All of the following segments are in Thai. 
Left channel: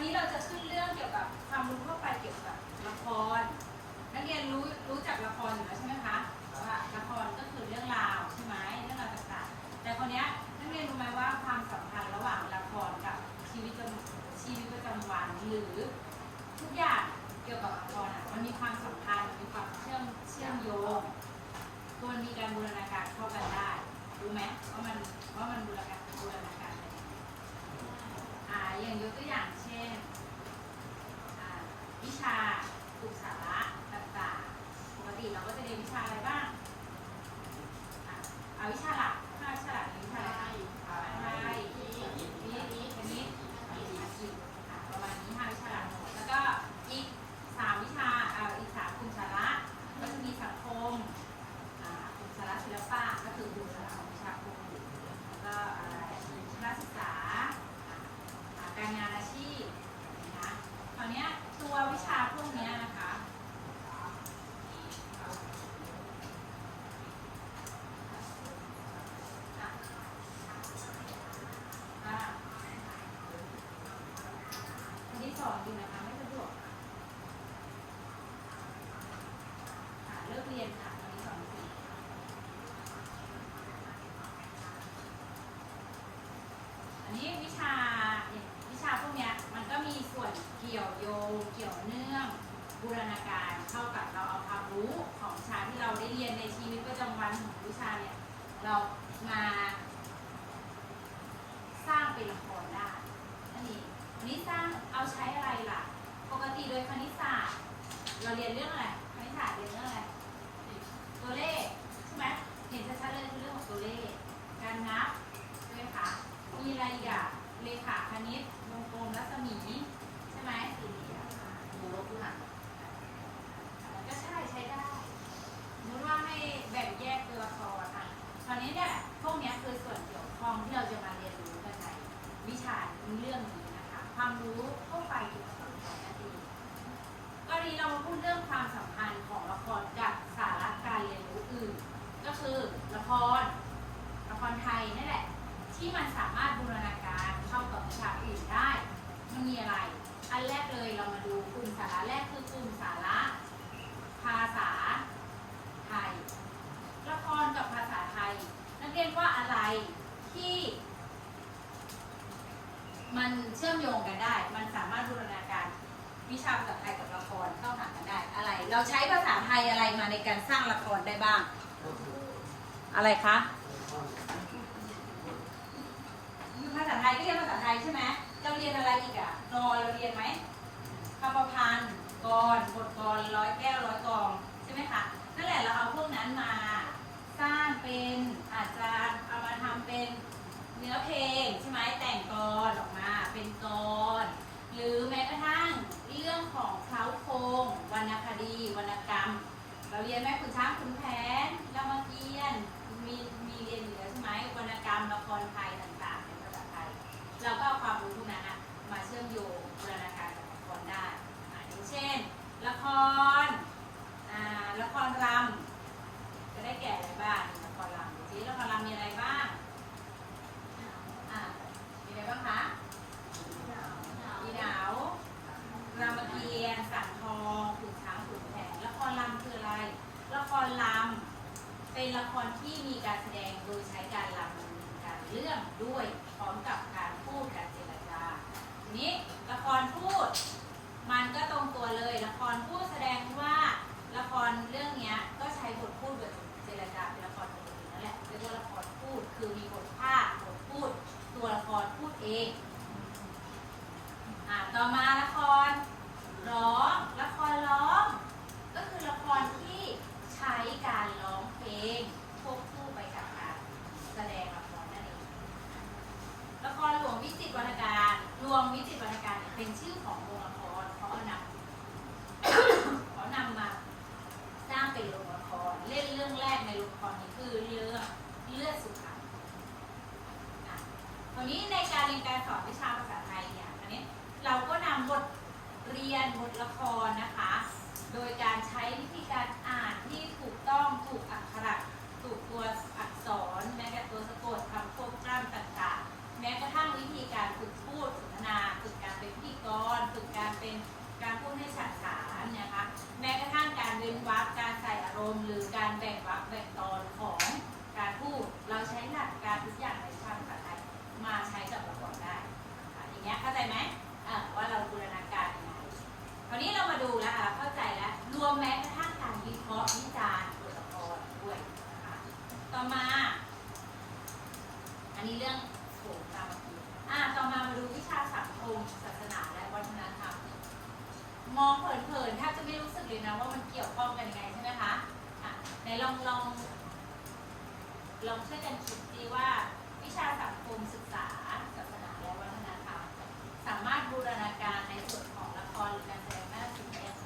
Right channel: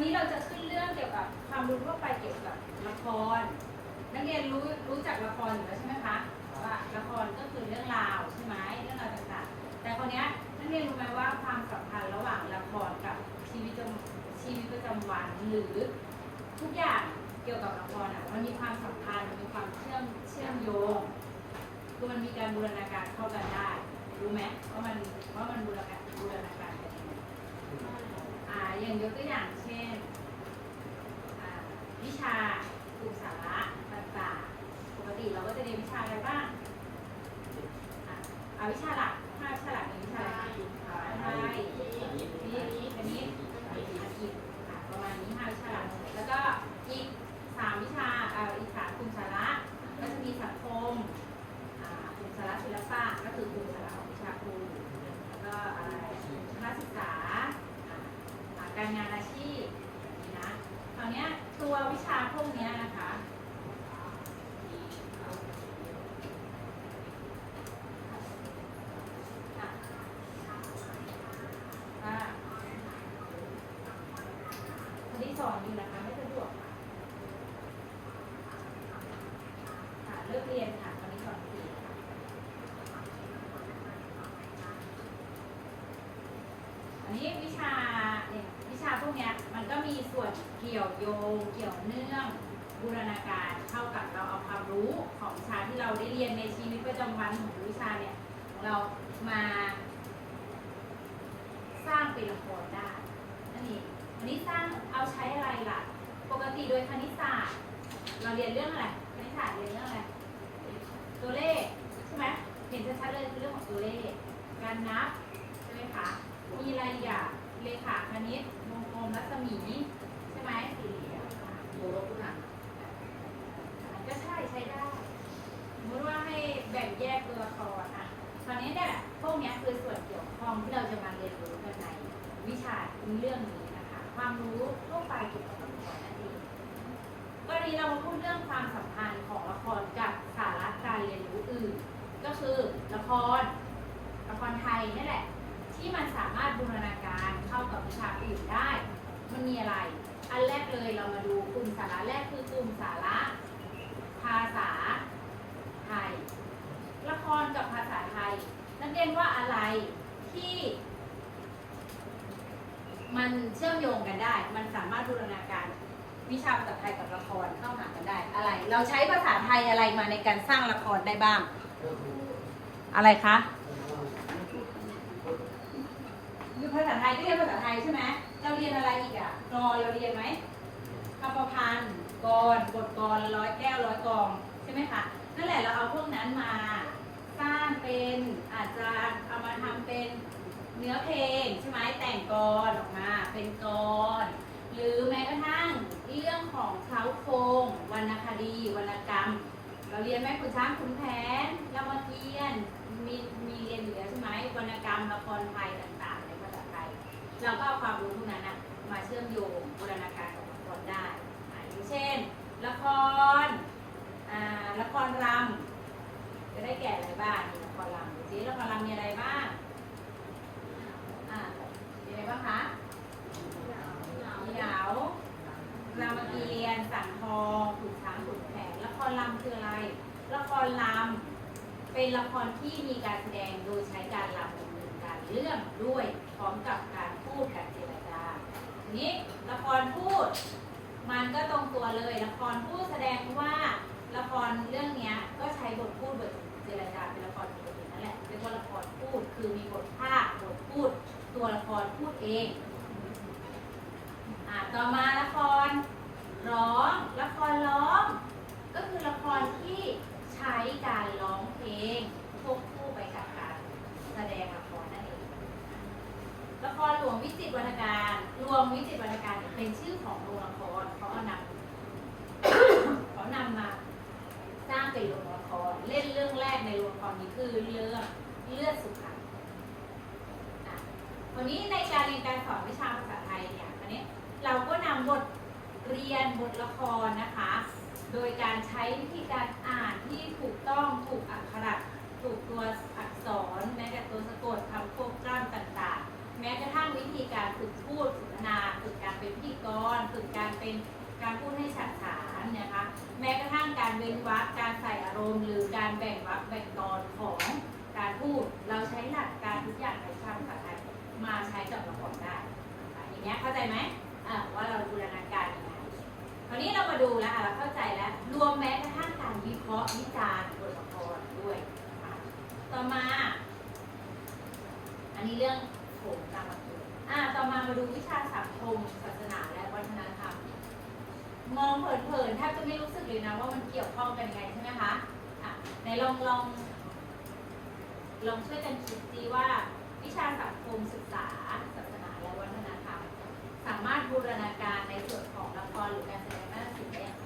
วันนี้เราจะขึ้นเรื่องเกี่ยวกับความรู้ทั่วไปเกี่ยวกับละคร นักเรียนรู้รู้จักละครอยู่แล้วใช่ไหมคะว่าละครก็คือเรื่องราวใช่ไหมเรื่องราวต่างๆ แต่คนนี้ยนักเรียนรู้ไหมว่าความสัมพันธ์ระหว่างละครกับชีวิตประชีวิตประจำวันหรือทุกอย่างเกี่ยวกับละครอะมันมีความสัมพันธ์มันมีความเชื่อมเชื่อมโยงคือมันมีการบูรณาการเข้ากันได้รู้ไหมว่ามันว่ามันบูรณาการบูรณาการอ่าอย่างยกตัวอย่างเช่น อ่าวิชาครูสาระต่างๆ ปกติเราก็จะเรียนวิชาอะไรบ้างอะเอาวิชาหลักห้าวิชาหลักเป็นวิชาอะไรคะไทยวิทย์คณิตอังกฤษอะประมาณนี้ห้าวิชาหลัก แล้วก็อีกสามวิชาอ่าอีกสามกลุ่มสาระก็จะมีสังคมอ่ากลุ่มสาระศิลปะก็คือกลุ่มสาระของวิชาครู แล้วก็อะไรคณะศึกษาอ่าการงานอาชีพนะ คราวเนี้ยตัววิชาพวกเนี้ยนะคะอะอะคนที่ สอนอยู่นะคะไม่สะดวกค่ะเลิกเรียนค่ะวันนี้สอนฟรีค่อันนี้วิชาอย่างวิชาพวกเนี้ยมันก็มีส่วนเกี่ยวโยงเกี่ยวเนื่องบูรณาการเข้ากับเราเอาความรู้ของวิชาที่เราได้เรียนในชีวิตประจำวันของวิชาเนี่ยเรามาสร้างเป็นละครได้ วันนี้สร้างเอาใช้อะไรล่ะ ปกติโดยคณิตศาสตร์ เราเรียนเรื่องอะไร คณิตศาสตร์เรียนเรื่องอะไร ตัวเลขใช่ไหมเห็นชัดๆเลยคือเรื่องของตัวเลข การนับใช่ไหมคะ มีอะไรอีกอะเลขาคณิตวงกลมรัศมีใช่ไหมสี่เหลี่ยมโมรคุหันก็ใช่ใช้ได้สมมติว่าให้แบ่งแยกตัวละครอะตอนนี้เนี่ยพวกนี้คือส่วนเกี่ยวข้องที่เราจะมาเรียนรู้กันในวิชาเรื่องนี้ ความรู้ทั่วไปเกี่ยวกับละครนั่นเองก็นี้เรามาพูดเรื่องความสัมพันธ์ของละครกับสาระการเรียนรู้อื่น ก็คือละครละครไทยนี่แหละ ที่มันสามารถบูรณาการเข้ากับวิชาอื่นได้ มันมีอะไร อันแรกเลยเรามาดูกลุ่มสาระแรกคือกลุ่มสาระ ภาษาไทย ละครกับภาษาไทย นักเรียนว่าอะไรที่ มันเชื่อมโยงกันได้ มันสามารถบูรณาการวิชาภาษาไทยกับละครเข้าหากันได้อะไร เราใช้ภาษาไทยอะไรมาในการสร้างละครได้บ้าง อะไรคะคือภาษาไทยก็เรียนภาษาไทยใช่ไหมเราเรียนอะไรอีกอะกรอนเราเรียนไหมคำประพันธ์กรบทกรร้อยแก้วร้อยกองใช่ไหมคะนั่นแหละเราเอาพวกนั้นมา สร้างเป็นอาจจะเอามาทำเป็น เนื้อเพลงใช่ไหมแต่งกรออกมาเป็นกร หรือแม้กระทั่งเรื่องของเคล้าโครงวรรณคดีวรรณกรรม เราเรียนไหมคุณช้างคุณแผนรามเกียรติมีมีเรียนอยู่แล้วใช่ไหมวรรณกรรมละครไทยต่างๆในภาษาไทยเราก็เอาความรู้พวกนั้นมาเชื่อมโยงบูรณาการกับละครได้อย่างเช่น ละครละครรำจะได้แก่อะไรบ้างละครรำดูสิละครรำมีอะไรบ้าง บ้างคะมีหนาวรามเกียรติ์สังทองขุนช้างขุนแผนละครลำคืออะไร ละครลำเป็นละครที่มีการแสดงโดยใช้การลำดำเนินการเรื่องด้วยพร้อมกับการพูดการเจรจาทีนี้ละครพูด มันก็ตรงตัวเลย ละครพูดแสดงว่าละครเรื่องเนี้ยก็ใช้บทพูดบทเจรจาเป็นละครปกตินั่นแหละเรียกว่าละครพูดคือมีบทภาคบทพูด ตัวละค รพูดเองอะต่อมาละครร้องละครร้อง ก็คือละครที่ใช้การร้องเพลงควบคู่ไปกับการแสดงละครนั่นเองละครหลวงวิจิตรวรรณการรวมวิจิตรวรรณการเป็นชื่อของโรงละครเขาเอานำเขานำมาสร้างเป็นโรงละครเล่นเรื่องแรกในโรงละครนี้คือเรื่องเลือดสุพรรณอะ วันนี้ในการเรียนการสอนวิชาภาษาไทยเนี่ยอันนี้เราก็นำบทเรียนบทละครนะคะ โดยการใช้วิธีการอ่านที่ถูกต้องถูกอักขระถูกตัวอักษร แม้แต่ตัวสะกดคำโควบกล้ำต่างๆ แม้กระทั่งวิธีการฝึกพูดสนทนาฝึกการเป็นพิธีกรฝึกการเป็นการพูดให้ฉาดฉานนะคะ แม้กระทั่งการเว้นวรรคการใส่อารมณ์หรือการแบ่งวรรคแบ่ง อันนี้เรื่องโถงตามมาคืออ่าต่อมามาดูวิชาสังคมศาสนาและวัฒนธรรม มองเผินๆแทบจะไม่รู้สึกเลยนะว่ามันเกี่ยวข้องกันยังไงใช่ไหมคะอะไหนลองลองลองช่วยกันคิดดีว่าวิชาสังคมศึกษาศาสนาและวัฒนธรรม สามารถบูรณาการในส่วนของละครหรือการแสดงนาฏศิลป์ได้อย่างไร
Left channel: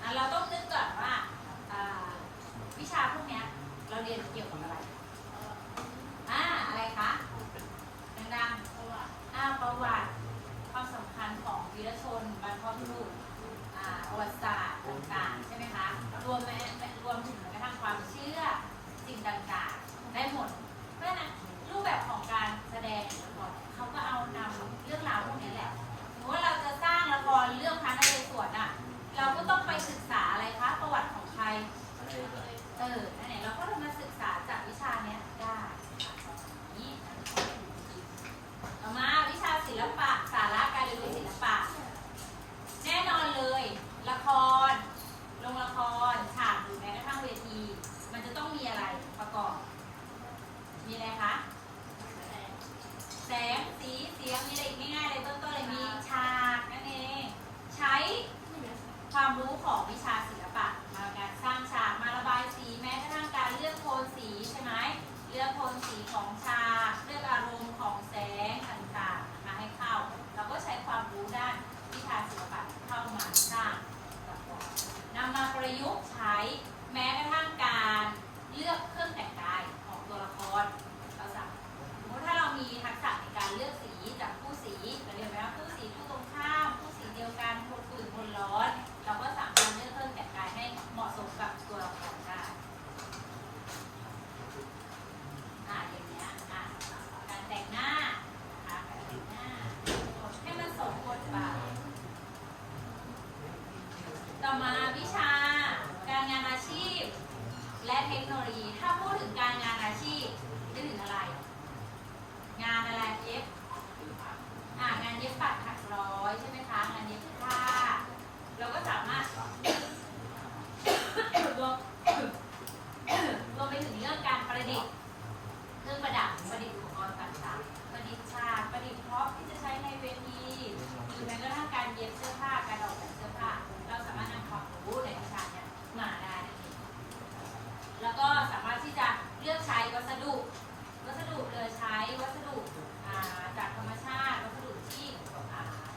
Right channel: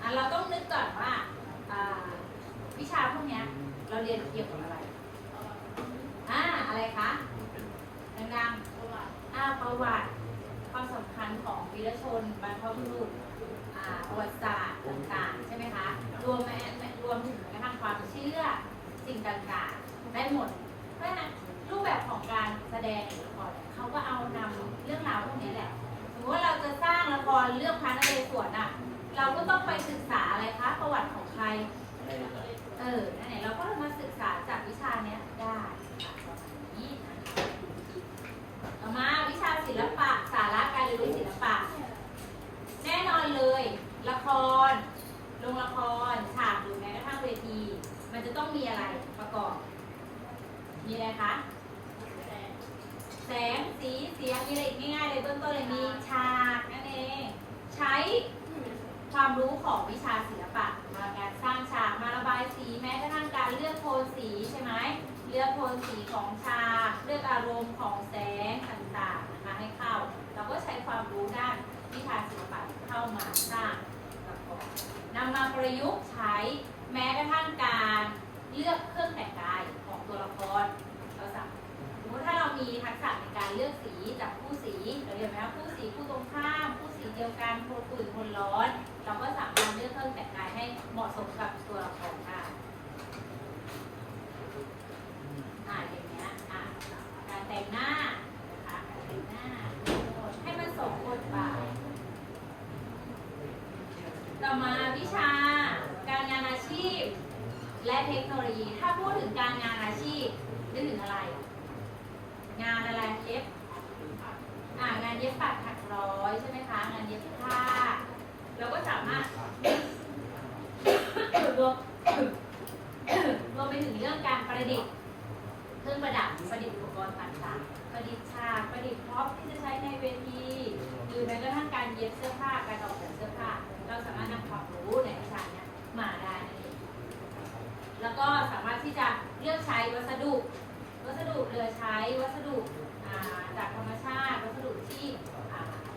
อะเราต้องนึกก่อนว่าอ่าวิชาพวกเนี้ยเราเรียนเกี่ยวกับอะไรอ่าอะไรคะดังๆอ่าประวัติความสำคัญของวีรชนบรรพบุรุษ อ่าประวัติศาสตร์ต่างๆ ใช่ไหมคะ รวมแม้แม้รวมถึงแม้กระทั่งความเชื่อสิ่งต่างๆ ได้หมด เพราะฉะนั้นรูปแบบของการแสดงหรือละครเนี่ยเขาก็เอานำเรื่องราวพวกนี้แหละ สมมติว่าเราจะสร้างละครเรื่องพระนเรศวรอะ เราก็ต้องไปศึกษาอะไรคะ ประวัติของใคร เออ นั่นแหละเราก็เลยมาศึกษาจากวิชาเนี้ยได้นี่ต่อมาวิชาศิลปะ สาระการเรียนรู้ศิลปะ แน่นอนเลย ละคร ลงละคร ฉากหรือแม้กระทั่งเวที มันจะต้องมีอะไรประกอบ มีอะไรคะ แสง สี เสียง มีอะไร อีกง่ายๆเลยเบื้องต้นเลยมีฉากนั่นเอง ใช้ความรู้ของวิชาศิลปะมาการสร้างฉากมาระบายสีแม้กระทั่งการเลือกโทนสีใช่ไหมเลือกโทนสีของฉากเลือกอารมณ์ของแสงต่างๆนะคะให้เข้า เราก็ใช้ความรู้ด้านวิชาศิลปะเข้ามาสร้างละครนำมาประยุกต์ใช้แม้กระทั่งการเลือกเครื่องแต่งกายของตัวละคร เราสามสมมติถ้าเรามีทักษะในการเลือกสีจากคู่สีเราเรียนไหมคะคู่สีคู่ตรงข้ามคู่สีเดียวกันโทนอุ่นโทนร้อน เราก็สามารถเลือกเครื่องแต่งกายให้เหมาะสมกับตัวละครได้อ่าอย่างเงี้ยอะการแต่งหน้านะคะการแต่งหน้า ให้มันสมบทบาท ต่อมาวิชา การงานอาชีพ และเทคโนโลยี ถ้าพูดถึงการงานอาชีพนึกถึงอะไร งานอะไรเย็บ อ่างานเย็บปักถักร้อยใช่ไหมคะ งานเย็บผ้า เราก็สามารถ รวม รวมไปถึงเรื่องการประดิษฐ์ เครื่องประดับประดิษฐ์อุปกรณ์ต่างๆ ประดิษฐ์ฉาก ประดิษฐ์พร็อพที่จะใช้ในเวที หรือแม้กระทั่งการเย็บเสื้อผ้า การออกแบบเสื้อผ้า เราสามารถนำความรู้ในวิชาเนี้ยมาได้นั่นเองแล้วก็สามารถที่จะเลือกใช้วัสดุ วัสดุเหลือใช้ วัสดุอ่าจากธรรมชาติ วัสดุที่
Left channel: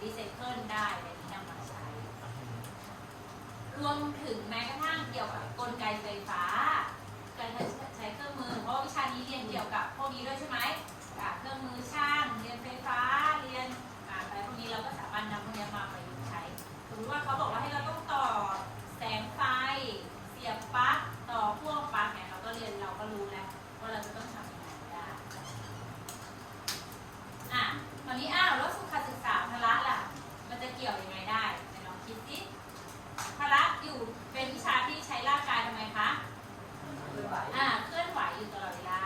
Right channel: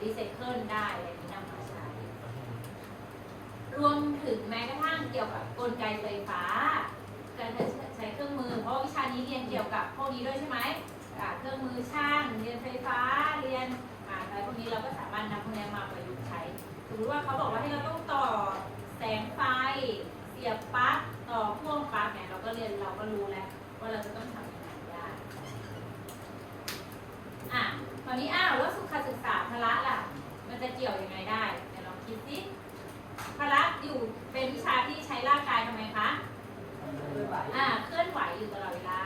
รีไซเคิลได้อะไรนี้นำมาใช้ รวมถึงแม้กระทั่งเกี่ยวกับกลไกไฟฟ้า การใช้เครื่องมือ เพราะวิชานี้เรียนเกี่ยวกับพวกนี้ด้วยใช่ไหมเครื่องมือช่าง เรียนไฟฟ้า เรียนอ่าอะไรพวกนี้เราก็สามารถนำพวกนี้มาประยุกต์ใช้สมมติว่าเขาบอกว่าให้เราต้องต่อแสงไฟ เสียบปลั๊ก ต่อพ่วงปลั๊กเนี่ยเราก็เรียนเราก็รู้แล้วว่าเราจะต้องทำยังไงได้ อะตอนนี้อ้าวแล้วสุขศึกษาพละล่ะ มันจะเกี่ยวยังไงได้ไหนลองคิดสิพละอยู่เป็นวิชาที่ใช้ร่างกายทำไมคะอ่าเคลื่อนไหวอยู่ตลอดเวลา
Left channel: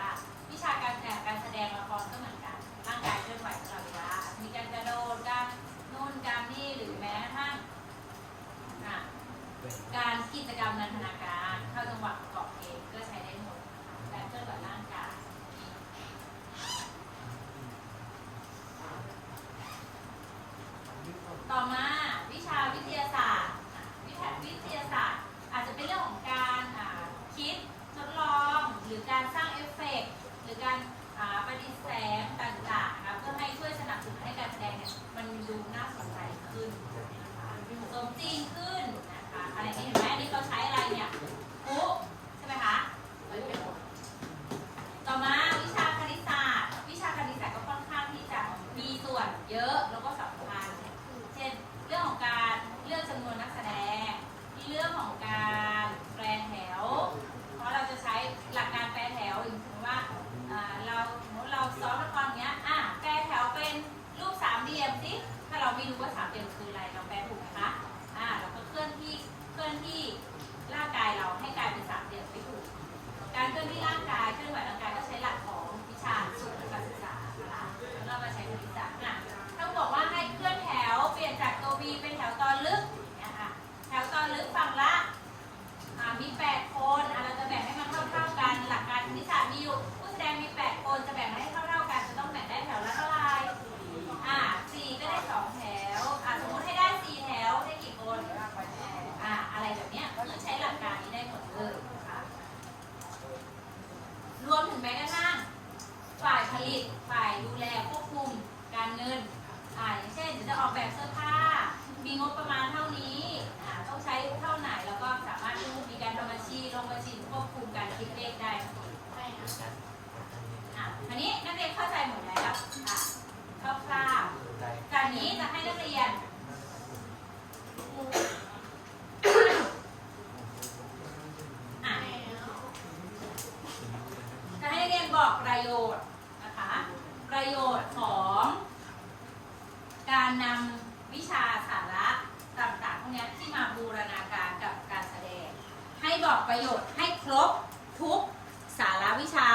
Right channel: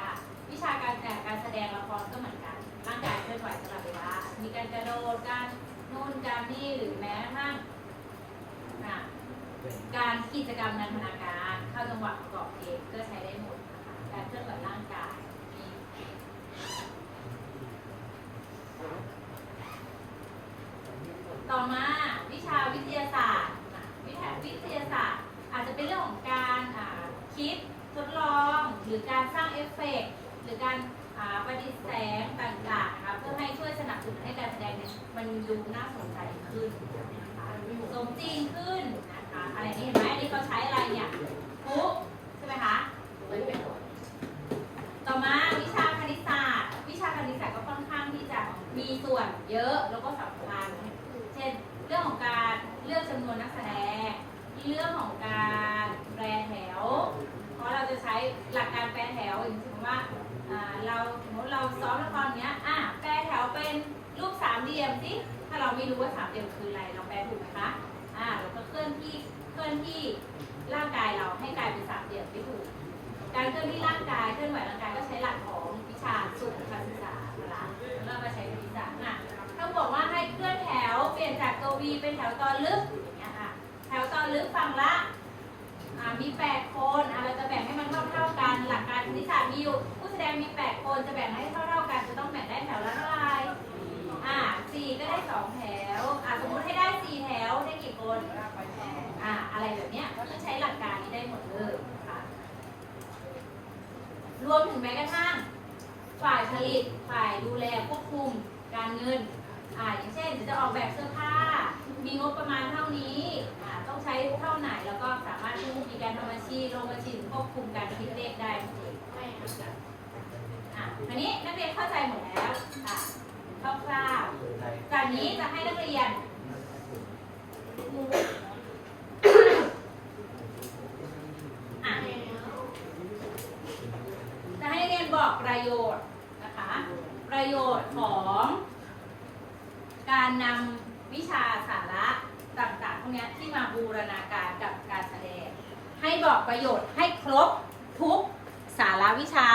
วิชาการแต่งการแสดงละครก็เหมือนกัน ร่างกายเคลื่อนไหวตลอดเวลา มีการกระโดดการโน่นการนี่หรือแม้กระทั่งการกิจกรรมนันทนาการเข้าจังหวะประกอบเพลงก็ใช้ได้หมด การเคลื่อนไหวร่างกาย ต่อมาวิชาวิทยาศาสตร์ วิทยาวิทยาศาสตร์ อาจจะเป็นเรื่องของการคิดทดลอง หรือการสร้างเอฟเฟกต์หรือการประดิษฐ์แสงต่างๆนะคะเพื่อให้ช่วยสนับสนุนให้การแสดงเนี่ยมันดูน่าสนใจขึ้นนะคะสมจริงขึ้นนะคะอะไรนี้เห็นไหมอันนี้เขาใช้อะไรเนี่ยคุกใช่ไหมคะต่อมาวิชาคณิตศาสตร์ วิชาคณิตศาสตร์ก็ค่อนข้างที่จะมีส่วนเยอะแล้วก็สำคัญ เช่น เราไม่รู้ว่าสามเหลี่ยมคืออะไร เราแปลถูกไหมคะ อ่า เราก็เคลื่อนที่ เคลื่อนที่ร่างกายเราให้กลายเป็นสามเหลี่ยมไม่ถูก การเคลื่อนที่ร่างกาย เคลื่อนไหวร่างกายก็ใช้หลักของวิชาสุขศึกษานะคะแล้วเรามาใช้คณิตศาสตร์อะถ้าบอกว่าให้เคลื่อนแถว เปลี่ยนจากตัว V เป็นแถวตอนลึกอย่างเงี้ยค่ะ แถวตอนลึกฝั่งละ อ่า มีแปดคนอะเราจะแบ่งให้มันเท่าเท่าๆกัน หลักการคณิตศาสตร์มีอยู่ ผู้แสดงมีแปดคนจะแบ่งให้เท่าเท่าๆกันจะต้องแบ่งได้แถวละเท่าไหร่อ่าสี่ก็ได้สองแถวอ่าสมมติให้ได้สี่แถวได้กี่คนอ่าอะไรแบบเนี้ยคือใช้หลักการนี้ได้หมดเลยค่ะรวมถึงแม้กระทั่งฝ่ายผลิตฝ่ายดูแลควบคุมการเงินอ่าอย่างเช่นี่จะออกแบบเสื้อ ควบคุมการคิดเลขได้นั่นเองอะอันนี้นักเรียนเข้าใจหมดแล้วค่ะคร่าวๆจากนี้จะให้นักเรียนอะจะให้นักเรียนบอกประโยชน์นะคะ ประโยชน์ของการนำวิชาสาระต่างๆพวกเนี้ยที่มาบูรณาการกับการแสดง ให้บอกประโยชน์ให้ครบทุกสาระวิชา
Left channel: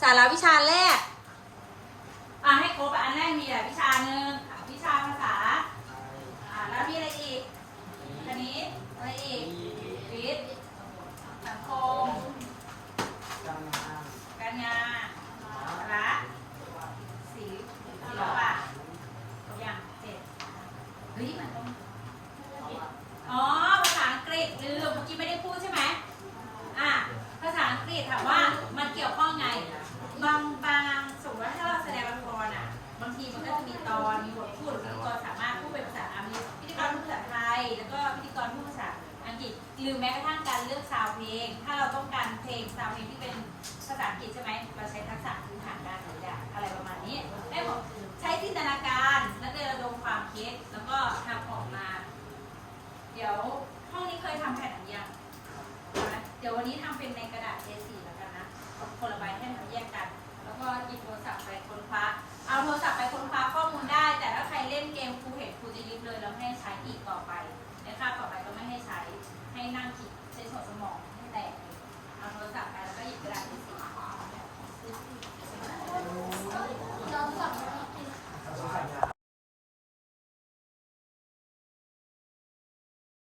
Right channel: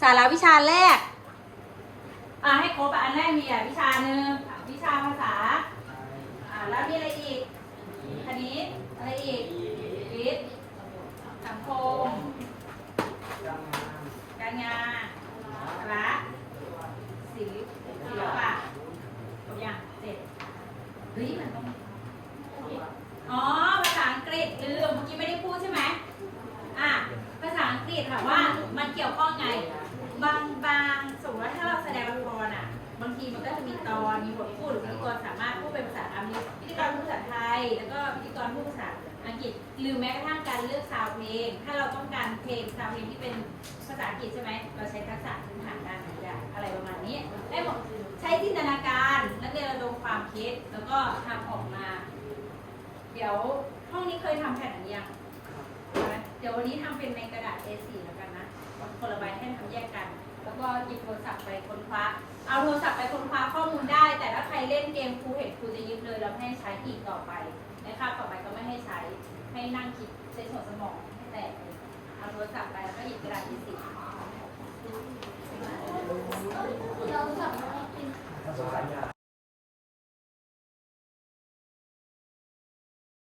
สาระวิชาแรกอ่าให้ครบอันแรกมีอะวิชาหนึ่งวิชาภาษาอ่าแล้วมีอะไรอีกคณิตอะไรอีกวิทย์สังคม การงานรัฐศิลป์ศิลปะอย่างเจ็ดเฮ้ยมันต้องอ๋อ ภาษาอังกฤษลืมเมื่อกี้ไม่ได้พูดใช่ไหมอะ ภาษาอังกฤษถามว่ามันเกี่ยวข้องไง บางบางสมมติว่าถ้าเราแสดงละครอะ บางทีมัน ก็จะมีตอนมีบทพูดพิธีกรสามารถพูดเป็นภาษาอังกฤษพิธีกรพูดภาษาไทย แล้วก็พิธีกรพูดภาษาอังกฤษหรือแม้กระทั่งการเลือกซาวเพลง ถ้าเราต้องการเพลงซาวเพลงที่เป็นภาษาอังกฤษใช่ไหมเราใช้ทักษะพื้นฐานด้านนี้ได้อะไรประมาณนี้ได้หมดใช้จินตนาการนักเรียนระดมความคิดแล้วก็ทำออกมา เดี๋ยวห้องนี้เคยทำแผ่นนี้ยังเดี๋ยววันนี้ทำเป็นในกระดาษ A4 เกมครูเห็นครูจะยึดเลยแล้วไม่ให้ใช้อีกต่อไปนะคะต่อไปก็ไม่ให้ใช้ให้นั่งคิดใช้สมองให้แตกเอาโทรศัพท์ไปแล้วก็หยิบกระดาษ A4